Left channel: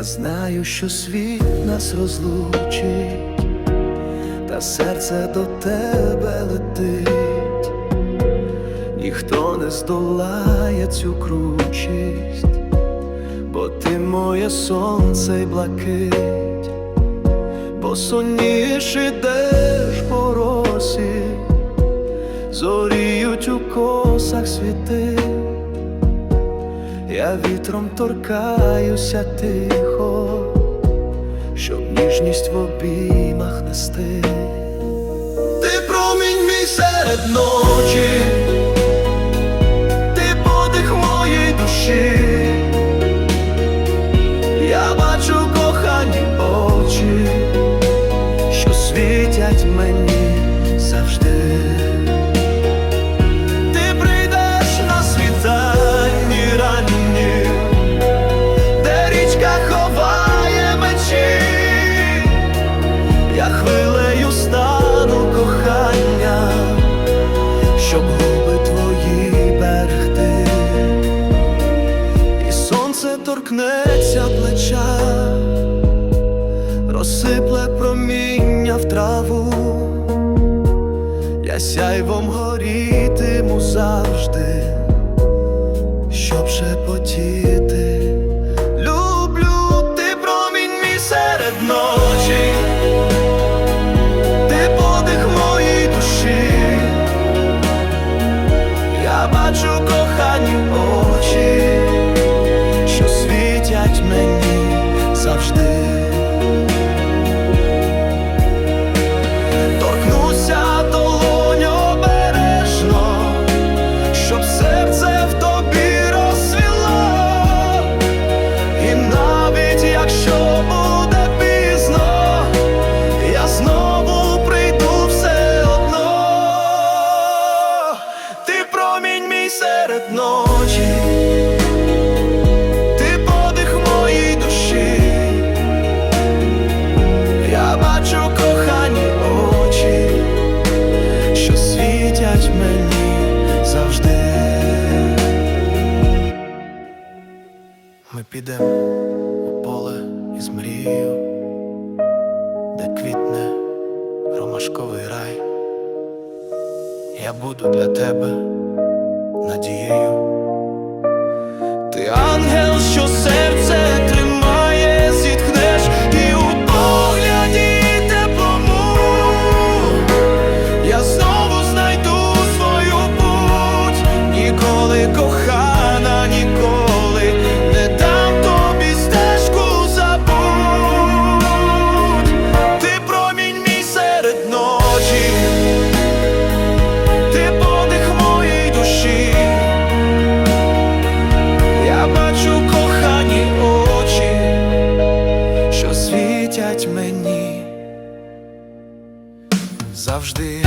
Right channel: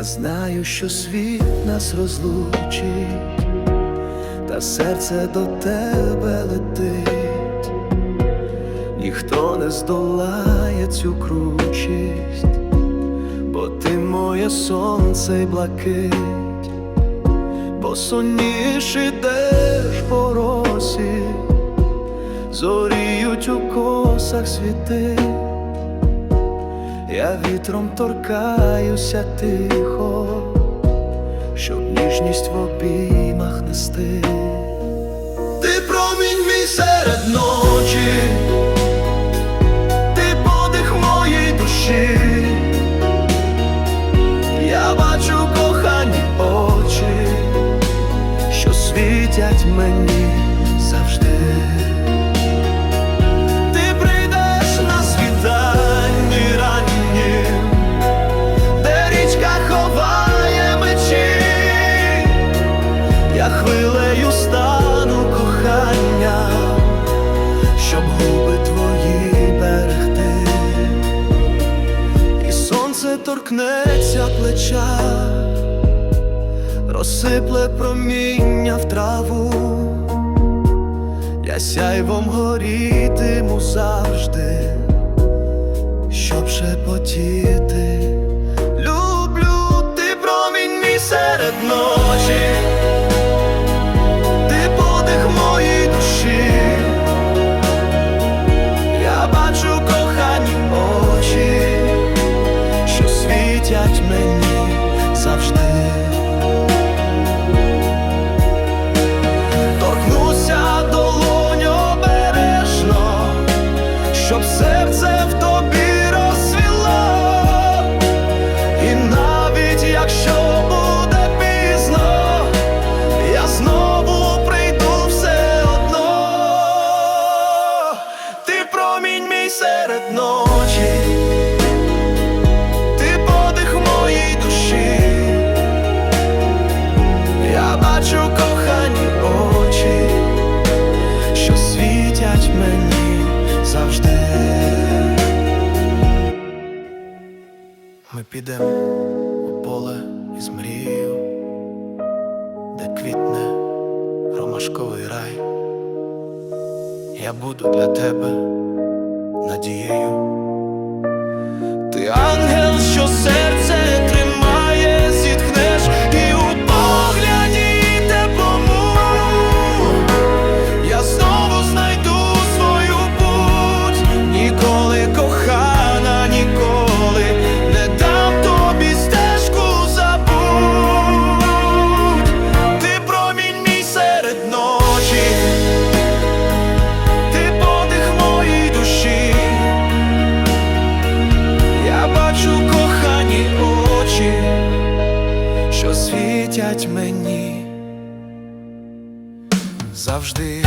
Я знаю, що світ нас розлучить, та серце до тебе летить, ніхто не здолає цю кручість, бо ти моє сонце й блакить, бо сонніш ідеш по росі, зоріють у косах світи. Я вітром торкаюся тихо, щоб ніжність в обіймах нести. Ти промінь мій серед ночі, ти подих моїй душі, я бачу кохані очі, що світять мені завжди. Хвилею стану кохання, щоб губи твої берегти, і сонце торкнеться плеча, розсипле проміння в траву. Я сяйвом горітиму завжди, щоб шепотіти. Люблю ти промінь мій серед ночі, світять мені завжди. торкнуся долонь обережно, щоб серце в тобі розсвіло, і навіть якщо буде пізно, я знову прийду все одно, ти промінь мій серед ночі, світять мені завжди. Ми підемо у поле із мрією, де квітне ромашковий рай. Я буду для тебе надією. Ти ангел, що серце тримає, зітхнеш і у погляді теплому я знову ніколи не дам тобі стежку забудь. Ти промінь мій серед ночі, ти подих моїй душі. Я бачу кохані очі, що світять мені завжди.